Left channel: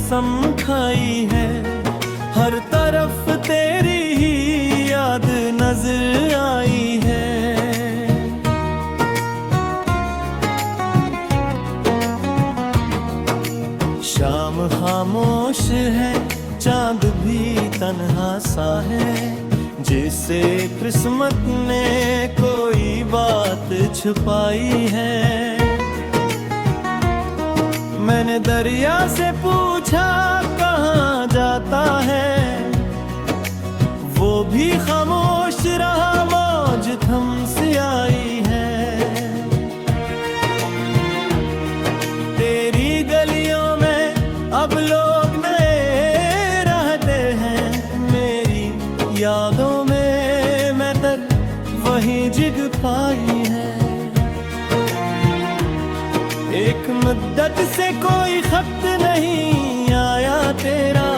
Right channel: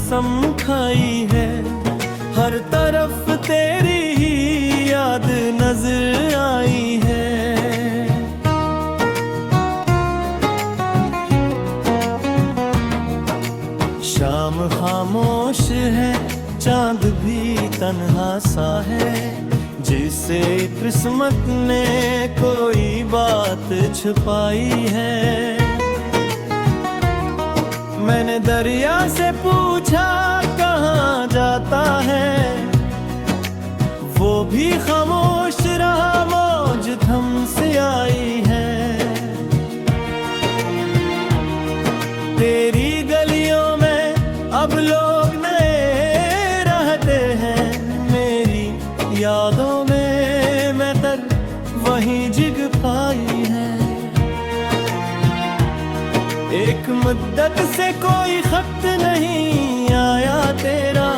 कसम खाई है, हर तरफ तेरी ही याद नजर आई है। शाम खामोश है, चांद भी तन्हा सा है, जिसे किस्मत ने कोई बात छुपाई है। मैंने दरिया से पूछा कहाँ जाता है, वो भी खामोश रहा, मौज थम से आई है। तेरी गलियों में अब लोग नए रहते हैं, मेरी यादों में मैं तर वहीं जिग पाई है। एक मुद्दत से कोई खत नहीं आया तेरा,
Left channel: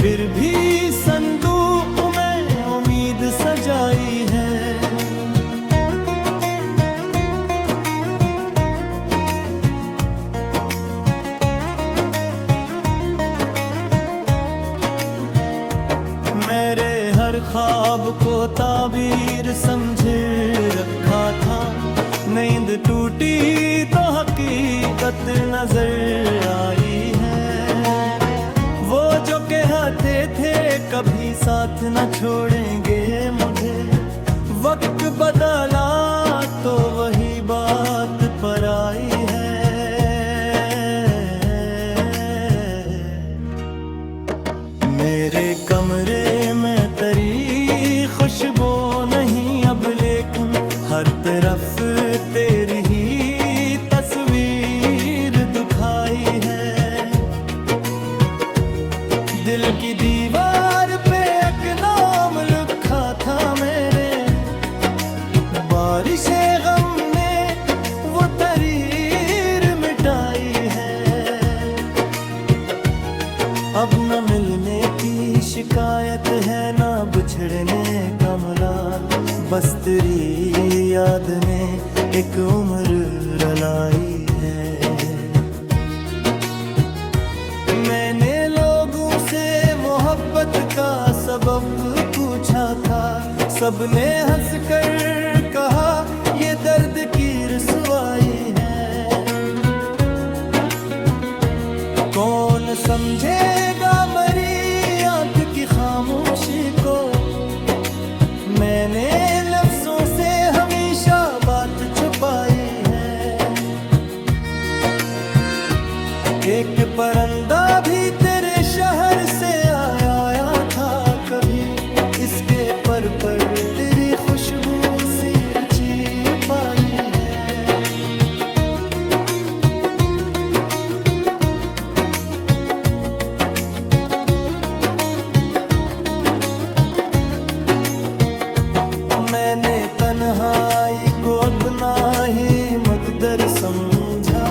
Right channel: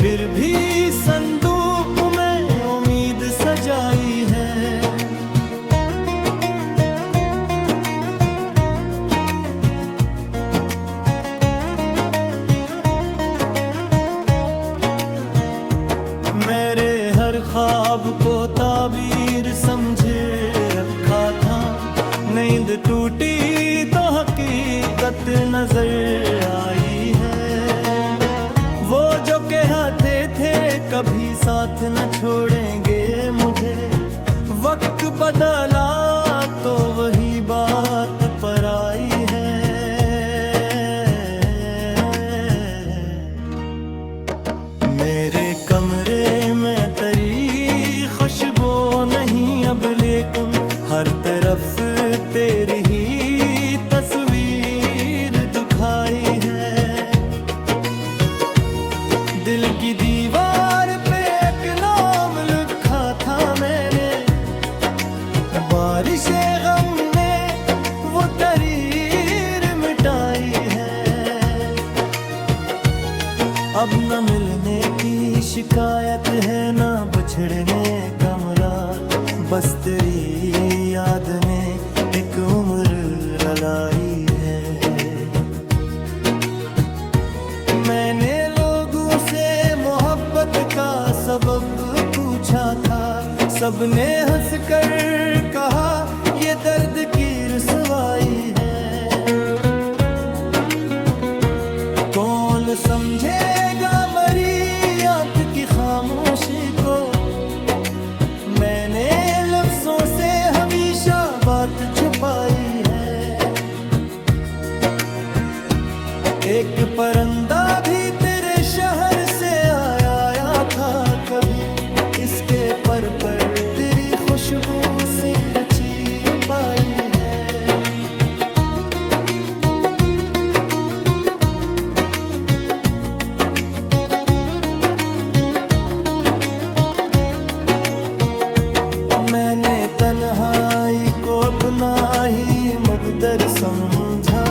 फिर भी संदूक में उम्मीद सजाई है। मेरे हर ख्वाब को ताबीर समझे रखा था, नींद टूटी तो हकीकत नजर आई है। वो जो कहते थे कभी साथ न छोड़ेंगे मुझे, वक्त बदला तो वही बात पर आई है। मेरे कमरे में तेरी खुशबू नहीं अब, लेकिन हर तरफ तेरी ही तस्वीर दिखाई है। दिल की दीवार पे एक नाम लिखा था मेरे, बारिशे गम ने वो तहरीर मिटाई है। अब न मिलने की शिकायत है, न बिछड़ने का मलाल, बस तेरी याद ने एक उम्र रलाई है। मैंने लोगों से मोहब्बत का सबब पूछा था, सबने हंसकर कहा ये दर्द की रुसवाई है। कौन समझेगा मरी आंख की खामोशी को, मैंने लफ्जों से हमेशा बात छुपाई है। एक परिंदा भी तेरे शहर से आया था कभी, इसके पर तेरी खुशबू सी रची पाई है। मैंने तन्हाई को अपना ही मकदर समझा,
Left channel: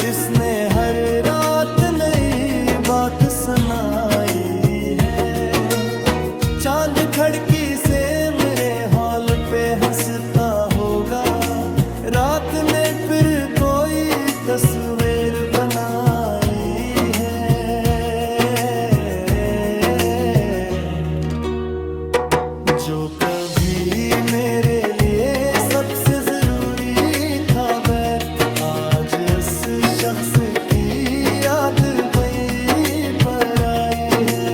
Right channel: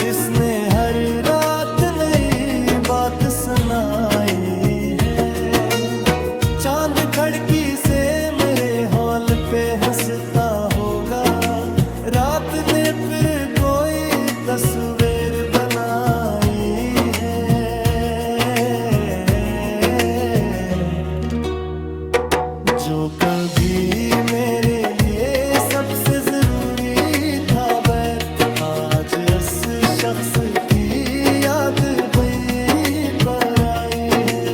जिसने हर रात नई बात सुनाई है। चांद खिड़की से मेरे हॉल पे हंसता होगा, रात ने फिर कोई तस्वीर बनाई है। जो कभी मेरे लिए सबसे जरूरी था बैर, आज इस शख्स की याद वही पर आई है।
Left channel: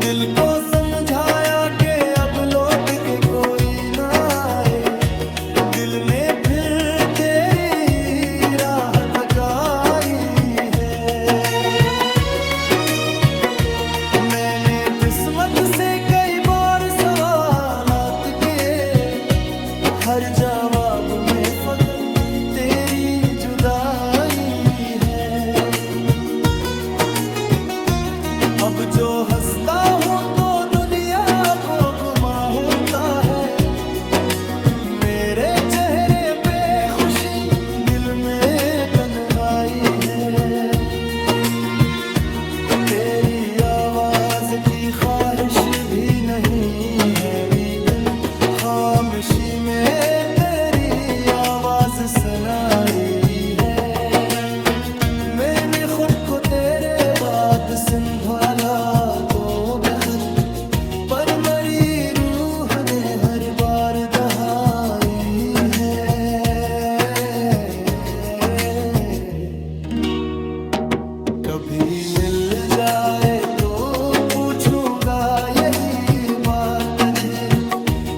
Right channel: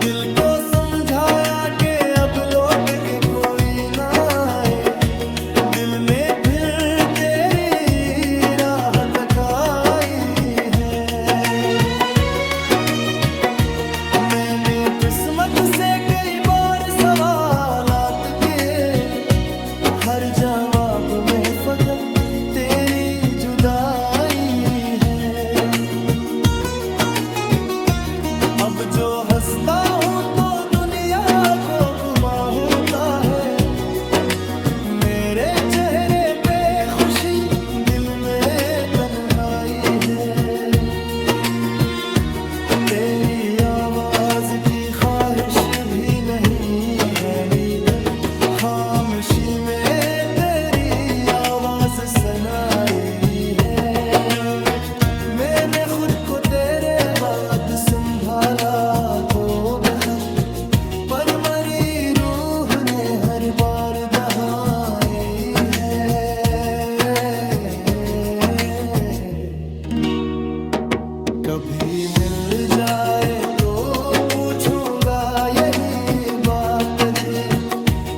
दिल को समझाया कि अब लौट के कोई ना आए, दिल ने फिर तेरी राह तकाई है। मैंने किस्मत से कई बार सवालात के, हर जवाब में फकत तेरी जुदाई है। अब जो हंसता हूँ तो दुनिया को गुमा होता है, मेरे चेहरे पे खुशी दिल में तन्हाई है। तेरी आवाज की ख्वाहिश भी नहीं है, लेकिन खामोशी में तेरी आवाज सुनाई है। को तेरे बाद संभाला तो बहुत, पर मरी रूह ने हर बार दहाई है। कभी मिल जाए तो पूछूंगा यही बात तुझे,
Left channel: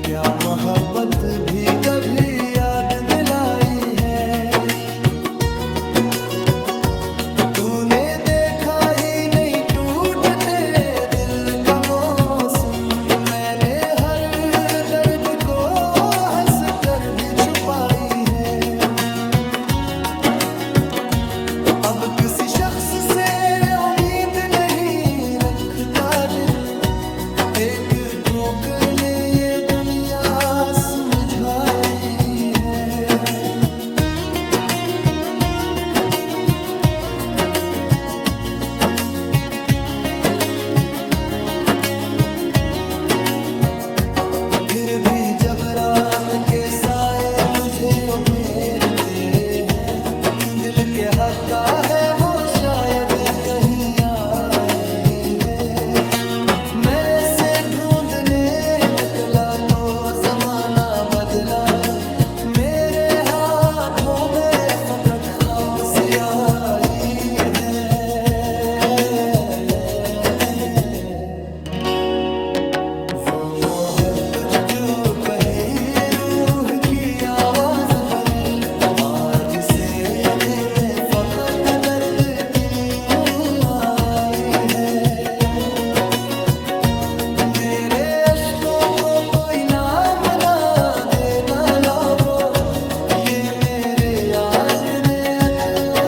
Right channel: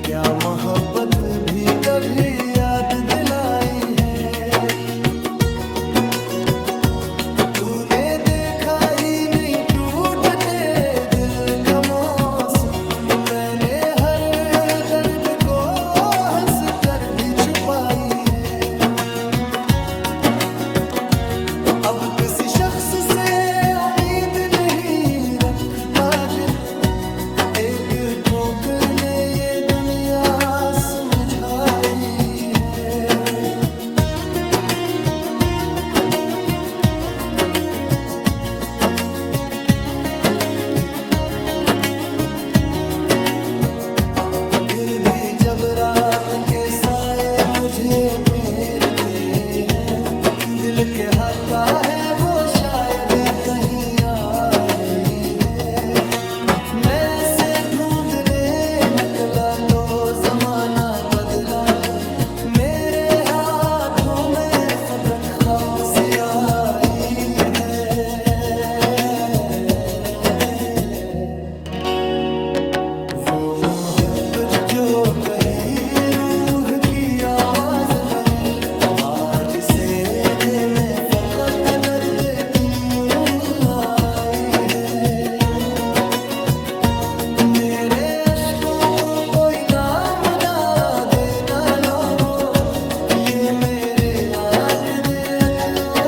क्या मोहब्बत भी कभी याद दिलाई है। तूने देखा ही नहीं टूटते दिल का मौसम, मैंने हर दर्द को हंस कर भी छुपाई है। अब किसी शख्स से उम्मीद नहीं रखता दिल, एक ठोकर ने ये दुनिया समझाई है। फिर भी जब रात के साए मुझे घेरते हैं, दिल के हक का है वो शायद कहीं आई है। मैं से ढूंढने निकला तो जमाना बदला, मेरे हाथों में फबरक खप सी आई है। वो मोहब्बत जो कही रूह की आवाज बनी, आज से मैं फकत दर्द क्यों आई है। मेरे अश्कों को कोई नाम ना देना लोगो, ये मेरे आँख ने एक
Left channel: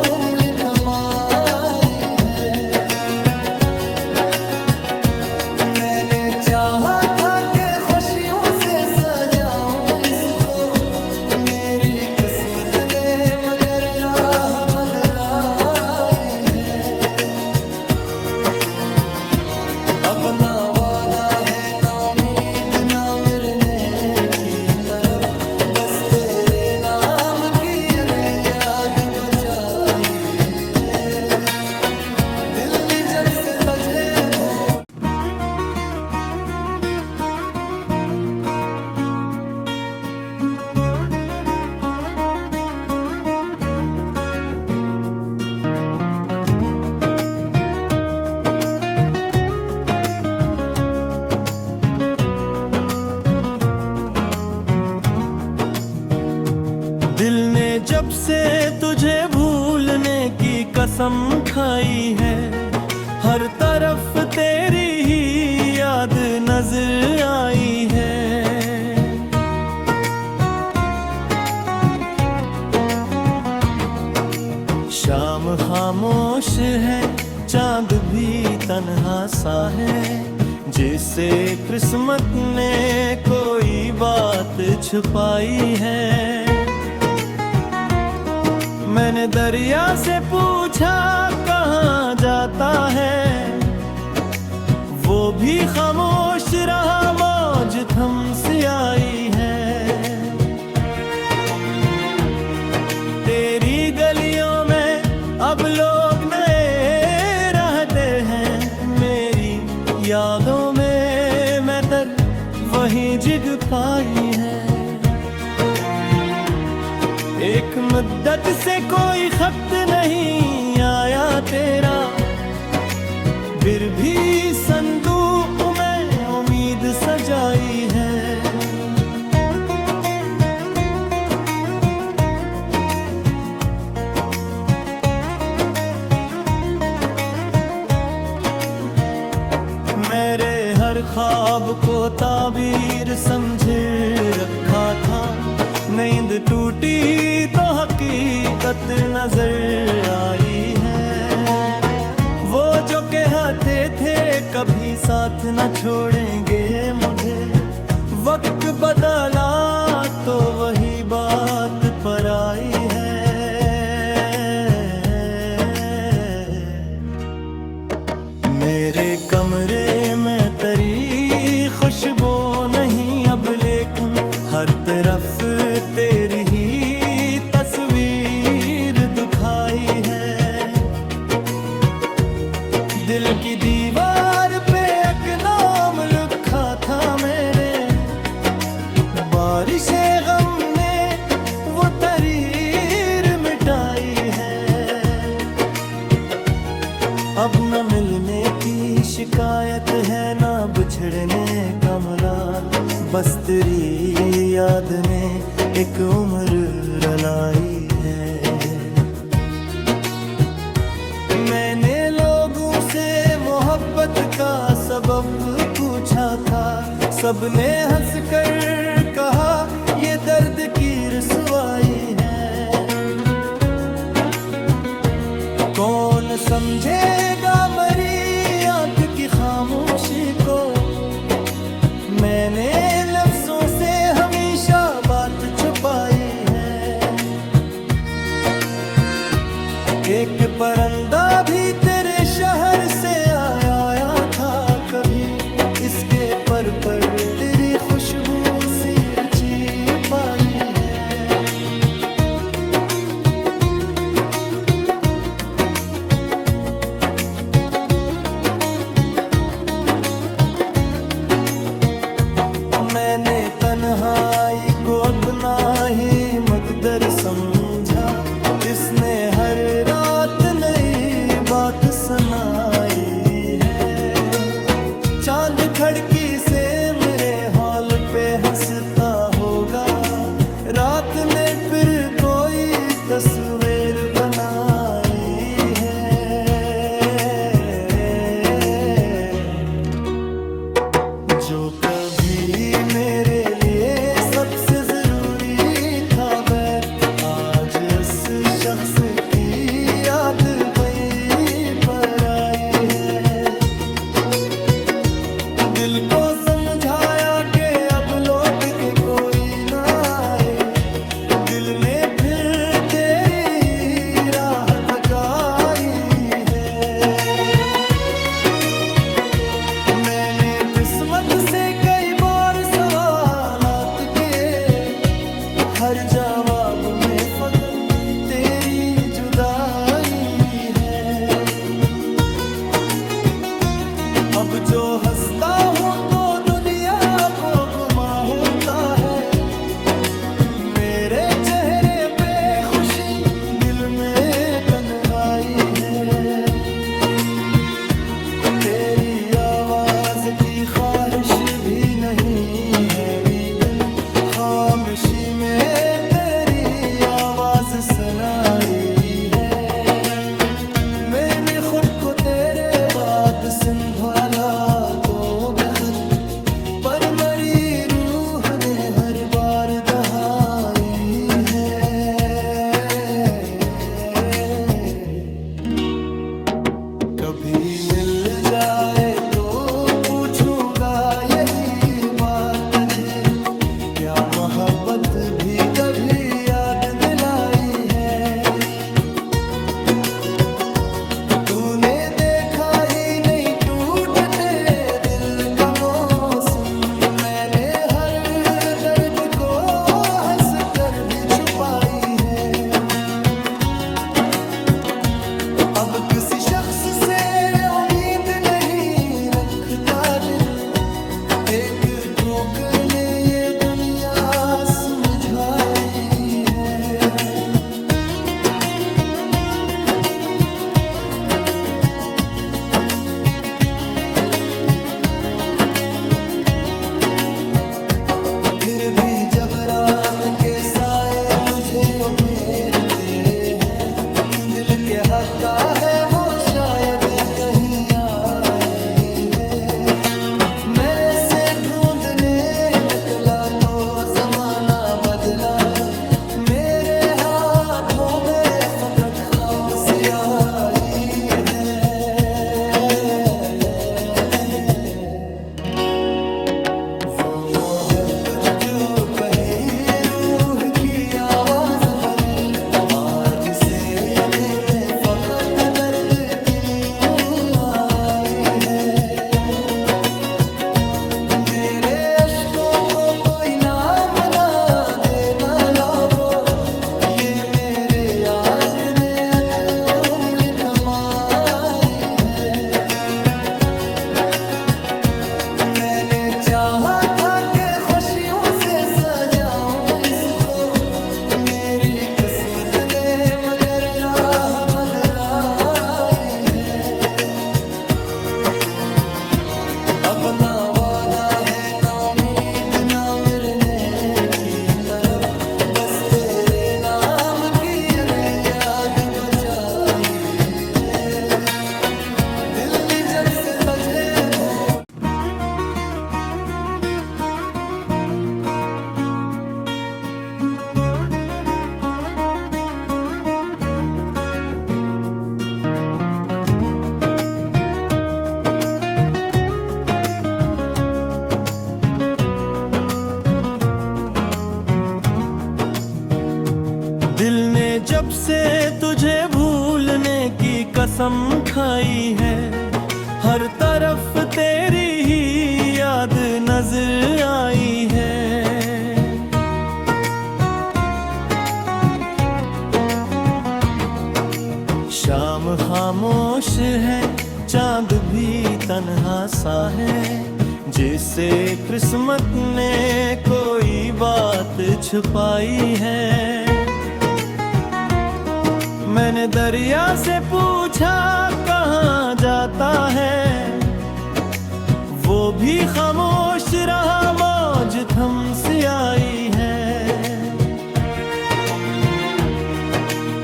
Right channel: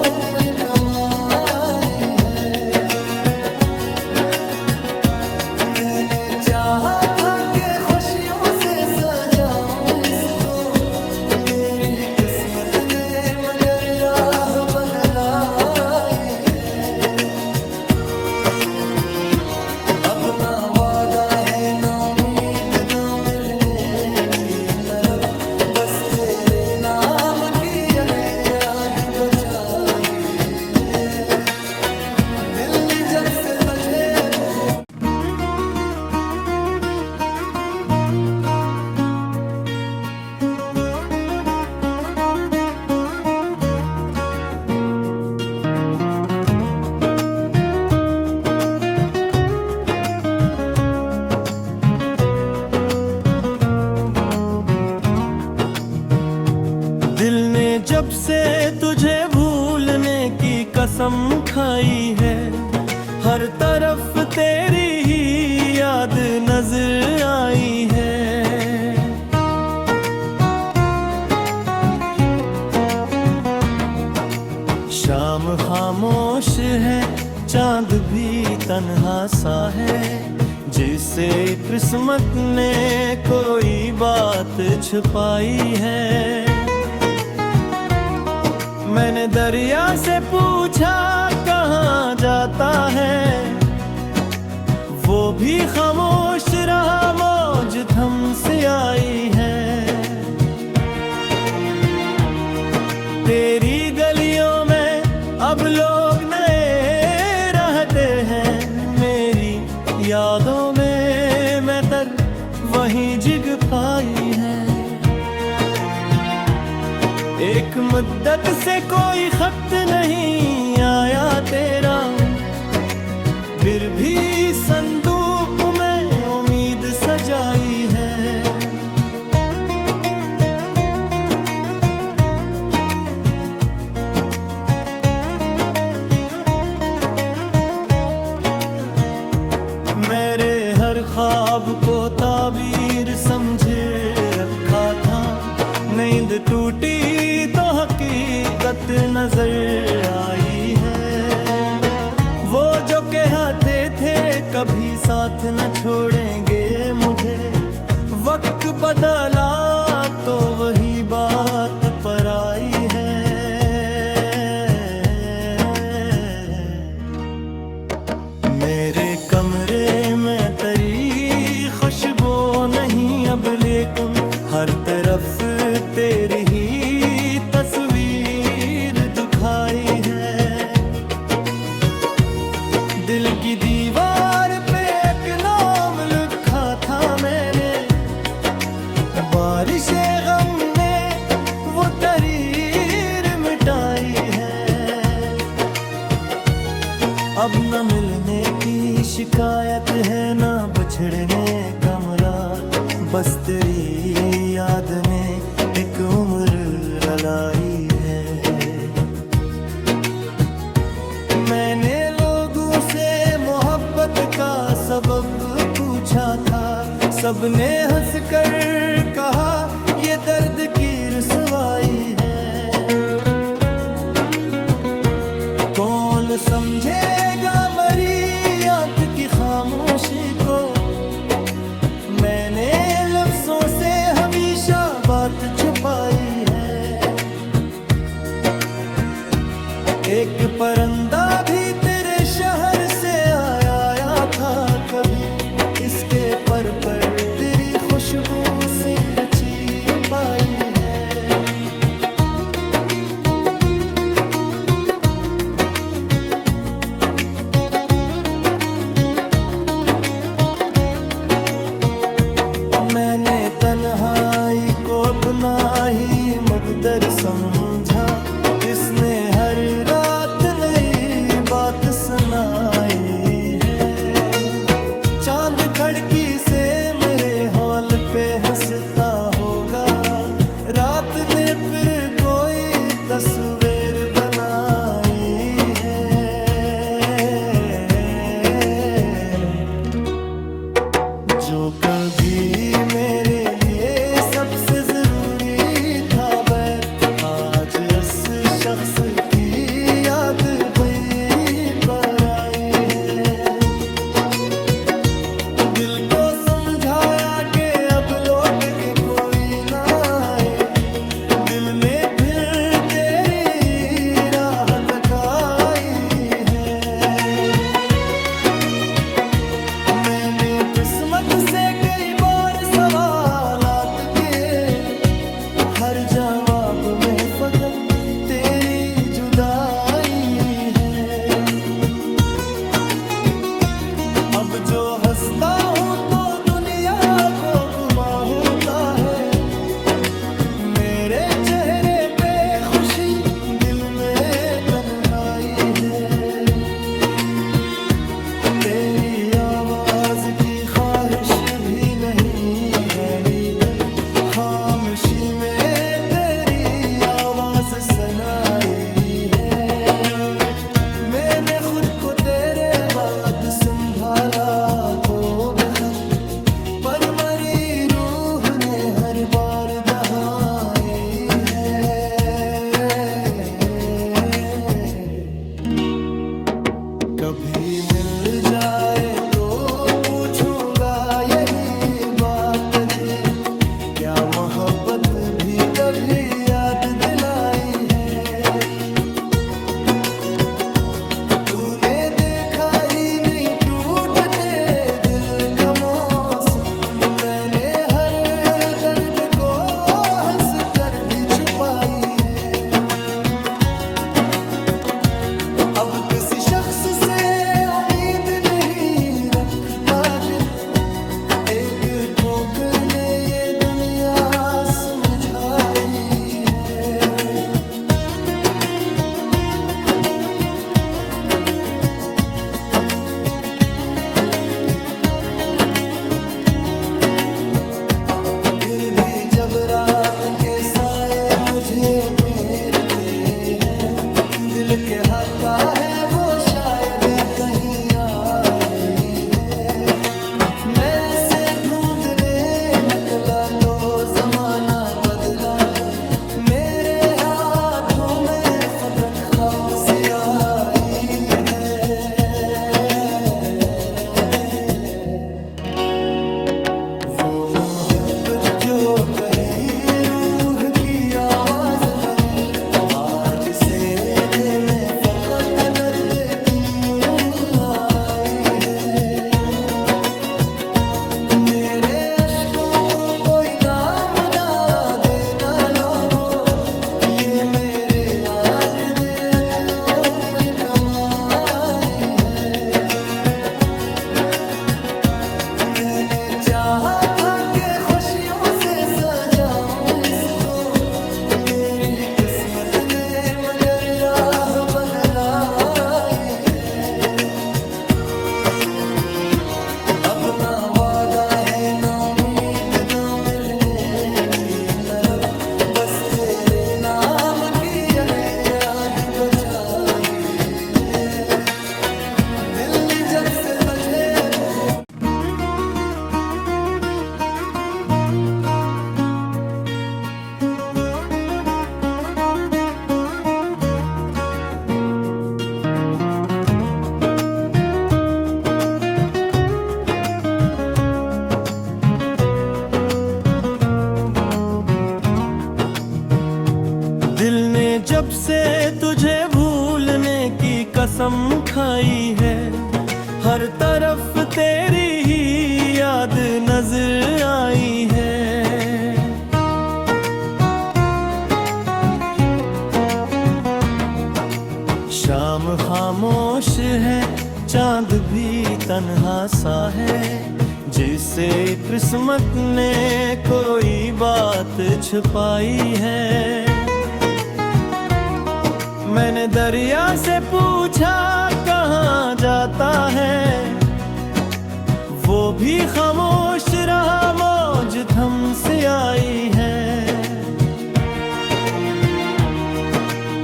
उम्र कमाई है। मैंने चाहा था कि खुशियों से सजाऊं इसको, मेरी किस्मत ने मगर राह बदलाई है। अब ना वादा है ना उम्मीद ना मिलने की तलब, बस तेरे नाम की एक याद बचाई है। दिल ने जब से तुझे भूल जब से तुझे भूलने की कसम खाई है, हर तरफ तेरी ही याद नजर आई है। शाम खामोश है, चांद भी तन्हा सा है, जिसे किस्मत ने कोई बात छुपाई है। मैंने दरिया से पूछा कहाँ जाता है, वो भी खामोश रहा, मौज थम से आई है। तेरी गलियों में अब लोग नए रहते हैं, मेरी यादों में मैं तर वहीं जिग पाई है। एक मुद्दत से कोई खत नहीं आया तेरा, फिर भी संदूक में उम्मीद सजाई है। मेरे हर ख्वाब को ताबीर समझ रखा था, नींद टूटी तो हकीकत नजर आई है। वो जो कहते थे कभी साथ न छोड़ेंगे मुझे, वक्त बदला तो वही बात पर आई है। मेरे कमरे में तेरी खुशबू नहीं अब, लेकिन हर तरफ तेरी ही तस्वीर दिखाई है। दिल की दीवार पे एक नाम लिखा था मेरे, बारिशे गम ने वो तहरीर मिटाई है। अब न मिलने की शिकायत है, ना बिछड़ने का मलाल, बस तेरी याद ने एक उम्र रलाई है। मैंने लोगों से मोहब्बत का सबब पूछा था, सबने हंसकर कहा ये दर्द की रुसवाई है। कौन समझेगा मरी आंख की खामोशी को, मैंने लफ्जों से हमेशा बात छुपाई है। एक परंदा भी तेरे शहर से आया था कभी, इसके पर तेरी खुशबू सी रची पाई है। मैंने तन्हाई को अपना ही मकदर समझा, जिसने हर रात नई बात सुनाई है। चांद खिड़की से मेरे हॉल पे हंसता होगा, रात ने फिर कोई तस्वीर बनाई है। जो कभी मेरे लिए सबसे जरूरी था बैर, आज इस शख्स की याद वही पर आई है। दिल को समझाया कि अब लौट के कोई ना आए, दिल ने फिर तेरी राह तकाई है। मैंने किस्मत से कई बार सवालात के, हर जवाब में फकत तेरी जुदाई है। अब जो हंसता हूँ तो दुनिया को गुमा होता है, मेरे चेहरे पे खुशी दिल में तन्हाई है। तेरी आवाज की ख्वाहिश भी नहीं है, लेकिन खामोशी में तेरी आवाज सुनाई है। मैंने खुद को तेरे बाद संभाला तो बेखत, पर मरी रूह ने हर बार दहाई है। कभी मिल जाए तो पूछूंगा यही बात तुझे, क्या मोहब्बत भी कभी याद दिलाई है। तूने देखा ही नहीं टूटते दिल का मौसम, मैंने हर दर्द को हंस कर भी छुपाई है। अब किसी शख्स से उम्मीद नहीं रखता दिल, एक ठोकर ने ये दुनिया समझाई है। फिर भी जब रात के साए मुझे घेरते हैं, दिल के हक का है वो शायद कहीं आई है। मैं से ढूंढने निकला तो जमाना बदला, मेरे हाथों में फबरक खप सी आई है। वो मोहब्बत जो कही रूह की आवाज बनी, आज से में फकत दर्द क्यों आई है। मेरे अश्कों को कोई नाम ना देना लोगो, ये मेरे आँख ने एक उम्र कमाई है। से सजाऊं इसको, मेरी किस्मत ने मगर राह बदलाई है। अब ना वादा है ना उम्मीद ना मिलने की तलब, बस तेरे नाम की एक याद बचाई है। दिल ने जब से तुझे भूल दिल ने जब से तुझे भूलने की कसम खाई है, हर तरफ तेरी ही याद नजर आई है। शाम खामोश है, चांद भी तन्हा सा है, जिसे किस्मत ने कोई बात छुपाई है। मैंने दरिया से पूछा कहाँ जाता है, वो भी खामोश रहा, मौज थम से आई है।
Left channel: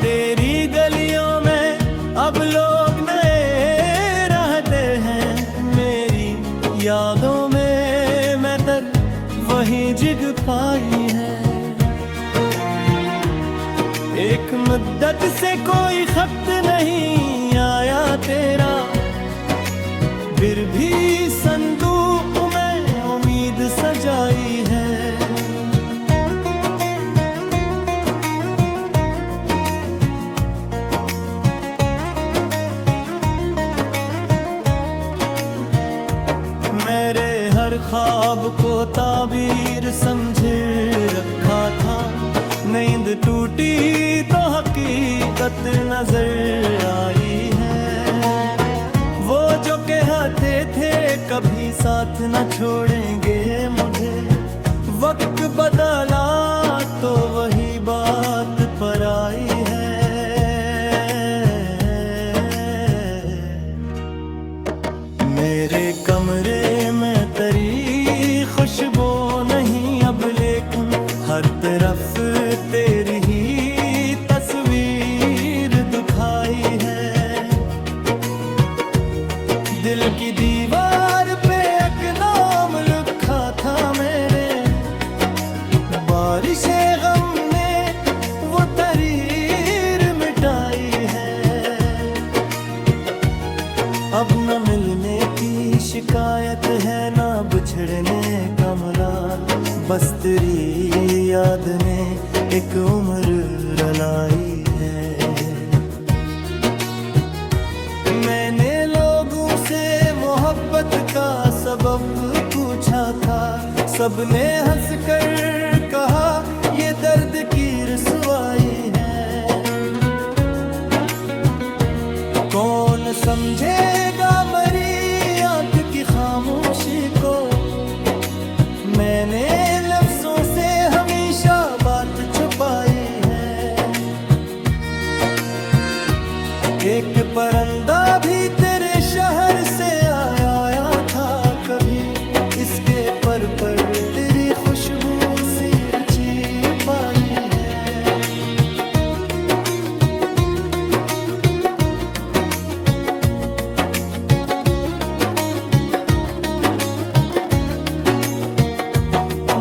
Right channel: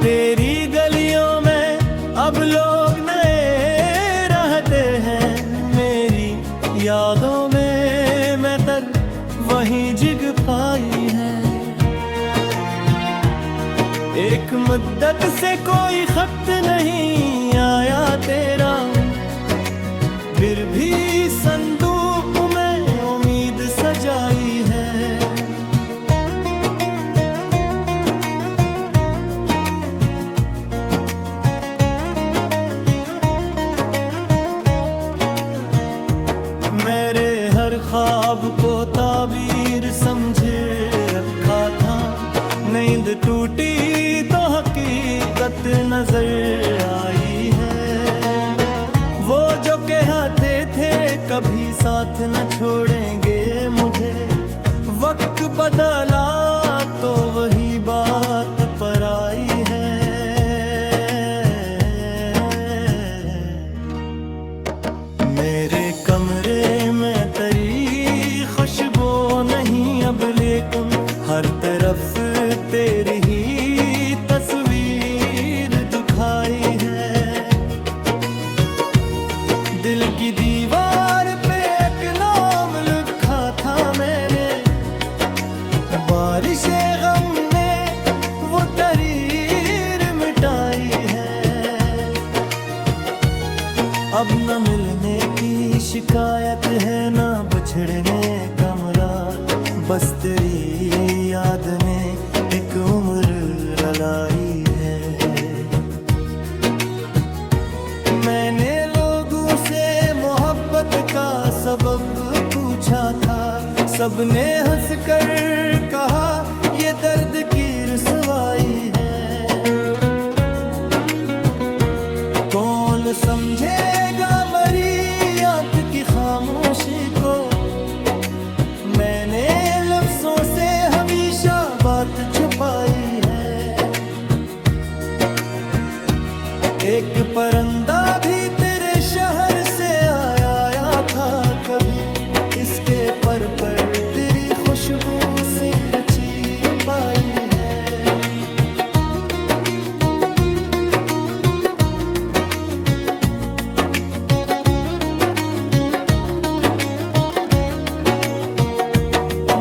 तेरी गलियों में अब लोग नए रहते हैं, मेरी यादों में मैं तर वहीं जिग पाई है। एक मुद्दत से कोई खत नहीं आया तेरा, फिर भी संदूक में उम्मीद सजाई है। मेरे हर ख्वाब को ताबीर समझे रखा था, नींद टूटी तो हकीकत नजर आई है। वो जो कहते थे कभी साथ न छोड़ेंगे मुझे, वक्त बदला तो वही बात पर आई है। मेरे कमरे में तेरी खुशबू नहीं अब, लेकिन हर तरफ तेरी ही तस्वीर दिखाई है। दिल की दीवार पे एक नाम लिखा था मेरे, बारिशे गम ने वो तहरीर मिटाई है। अब न मिलने की शिकायत है ना बिछड़ने का मलाल, बस तेरी याद ने एक उम्र रलाई है। मैंने लोगों से मोहब्बत का सबब पूछा था, सबने हंसकर कहा ये दर्द की रुसवाई है। कौन समझेगा मरी आंख की खामोशी को, मैंने लफ्जों से हमेशा बात छुपाई है। एक परिंदा भी तेरे शहर से आया था कभी, इसके पर तेरी खुशबू सी रची पाई है।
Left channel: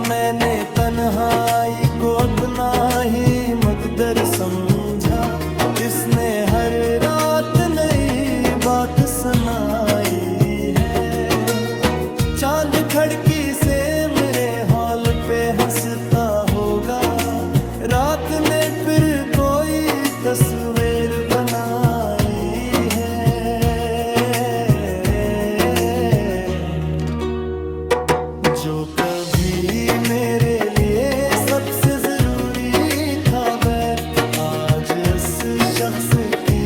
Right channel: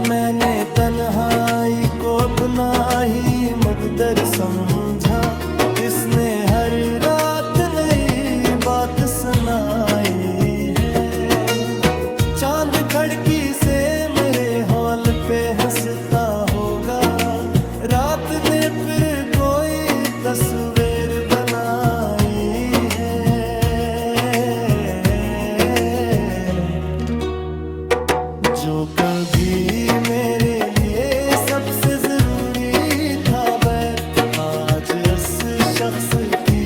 मैंने तन्हाई को अपना ही मकदर समझा, जिसने हर रात नई बात सुनाई है। चांद खिड़की से मेरे हॉल पे हंसता होगा, रात ने फिर कोई तस्वीर बनाई है। जो कभी मेरे लिए सबसे जरूरी था बैर, आज इस शख्स की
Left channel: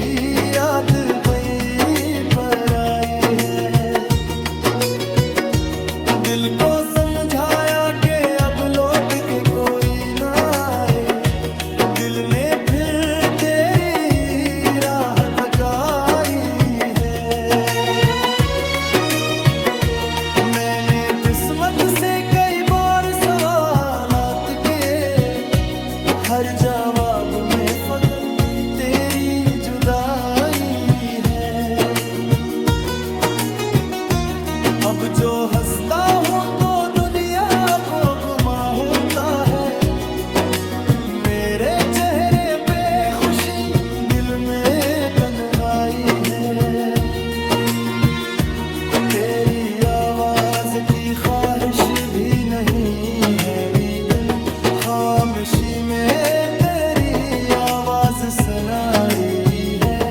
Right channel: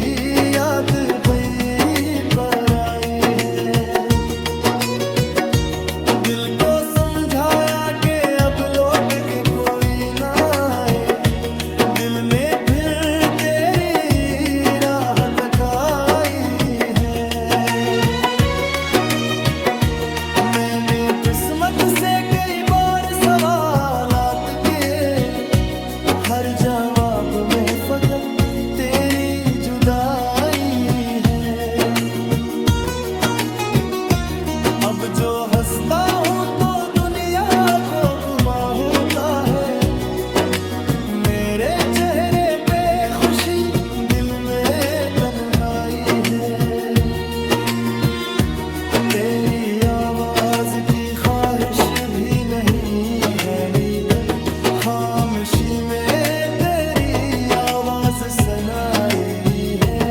याद वही पर आई है। दिल को समझ समझाया कि अब लौट के कोई ना आए, दिल ने फिर तेरी राह तकाई है। मैंने किस्मत से कई बार सवालात के, हर जवाब में फकत तेरी जुदाई है। अब जो हंसता हूँ तो दुनिया को गुमा होता है, मेरे चेहरे पे खुशी दिल में तन्हाई है। तेरी आवाज की ख्वाहिश भी नहीं है, लेकिन खामोशी में तेरी आवाज सुनाई है।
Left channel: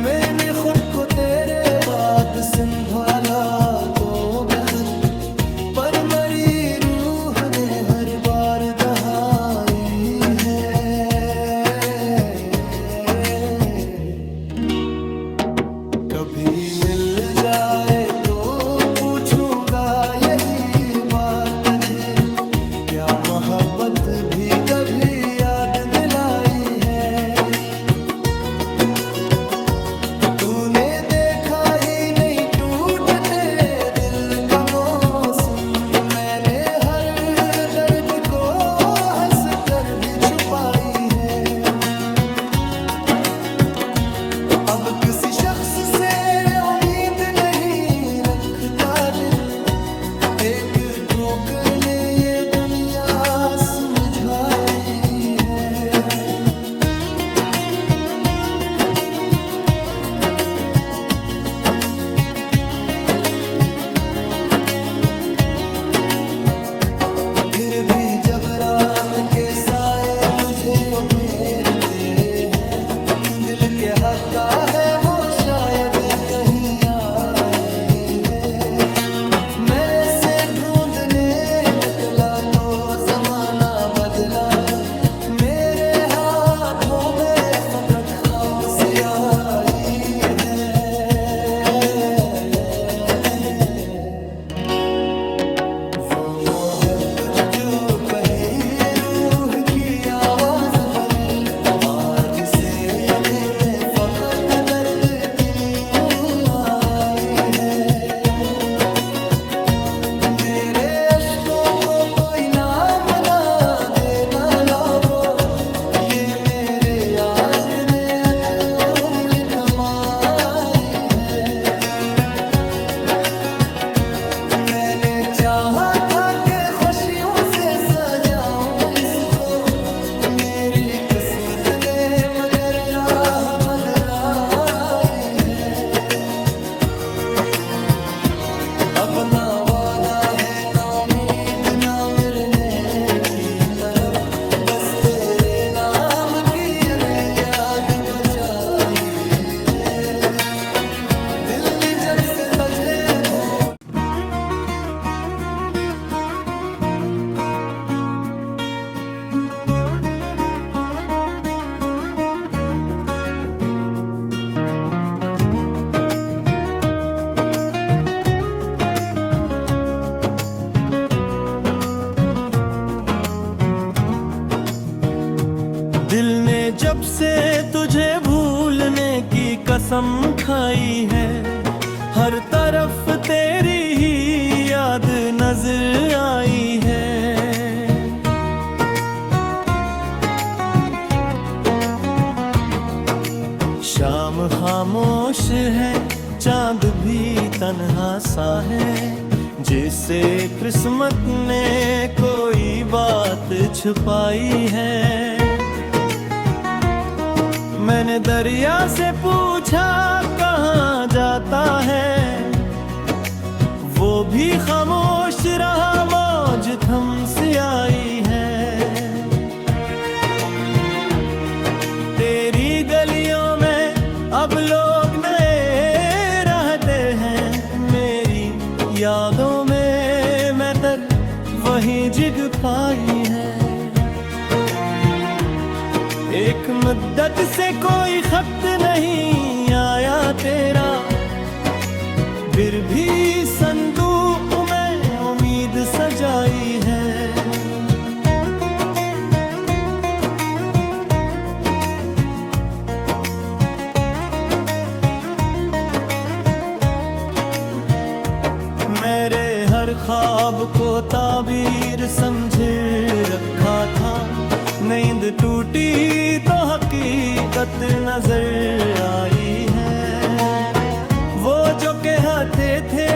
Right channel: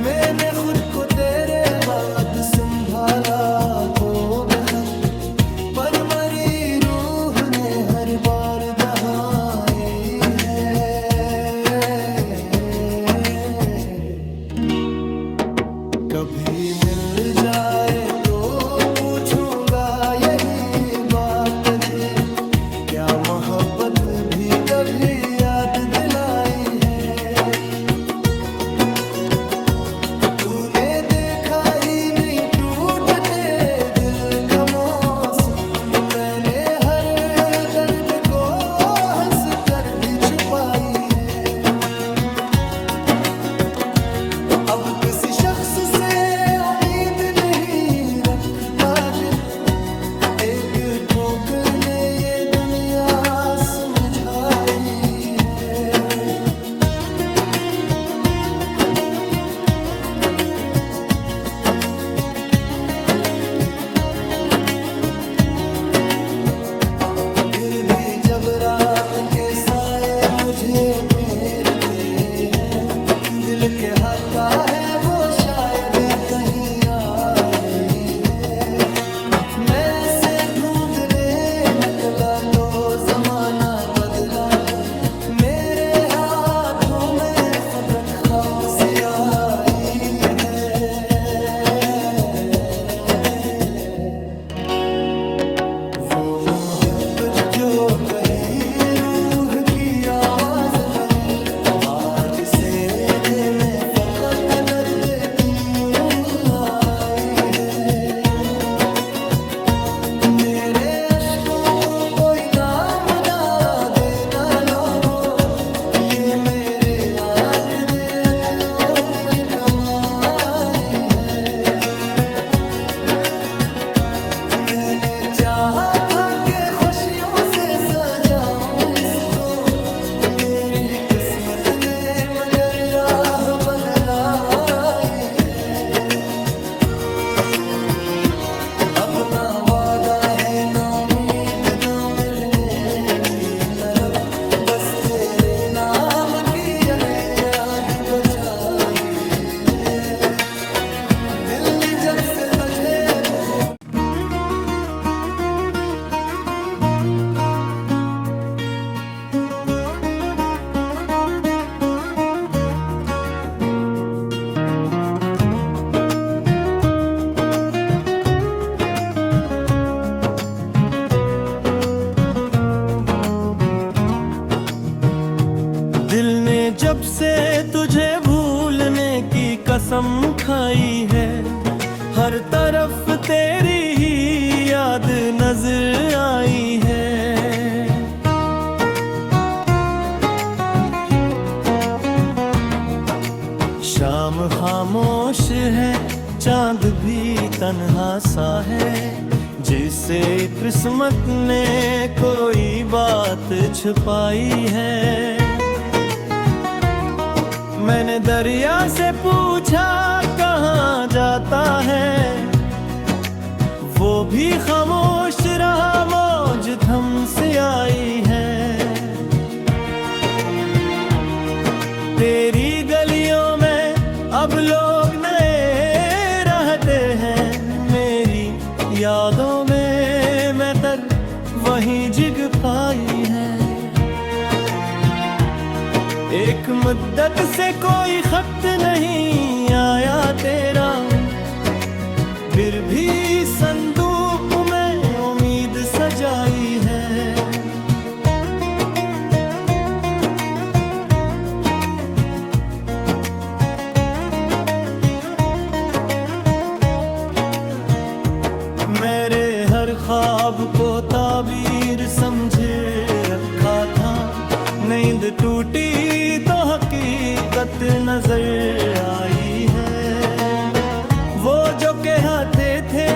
मैंने खुद को तेरे बाद संभाला तो बहुत, पर मरी रूह ने हर बार दहाई है। कभी मिल जाए तो पूछूंगा यही बात तुझे, क्या मोहब्बत भी कभी याद दिलाई है। तूने देखा ही नहीं टूटते दिल का मौसम, मैंने हर दर्द को हंस कर भी छुपाई है। अब किसी शख्स से उम्मीद नहीं रखता दिल, एक ठोकर ने ये दुनिया समझाई है। फिर भी जब रात के साए मुझे घेरते हैं, दिल के हक का है वो शायद कहीं आई है। मैं से ढूंढने निकला तो जमाना बदला, मेरे हाथों में फबरक खप सी आई है। वो मोहब्बत जो कही रूह की आवाज बनी, आज से मैं फकत दर्द क्यों आई है। मेरे अश्कों को कोई नाम ना देना लोगो, ये मेरे आँख ने एक उम्र कमाई है। मैंने चाहा था कि खुशियों से सजाऊं इसको, मेरी किस्मत ने मगर राह बदलाई है। अब ना वादा है ना उम्मीद ना मिलने की तलब, बस तेरे नाम की एक याद बचाई है। दिल ने जब से तुझे भूल जब से तुझे भूलने की कसम खाई है, हर तरफ तेरी ही याद नजर आई है। शाम खामोश है, चांद भी तन्हा सा है, जिसे किस्मत ने कोई बात छुपाई है। मैंने दरिया से पूछा कहाँ जाता है, वो भी खामोश रहा, मौज थम से आई है। तेरी गलियों में अब लोग नए रहते हैं, मेरी यादों में मैं तर वहीं जिग पाई है। एक मुद्दत से कोई खत नहीं आया तेरा, फिर भी संदूक में उम्मीद सजाई है। मेरे हर ख्वाब को ताबीर समझे रखा था, नींद टूटी तो हकीकत नजर आई है। वो जो कहते थे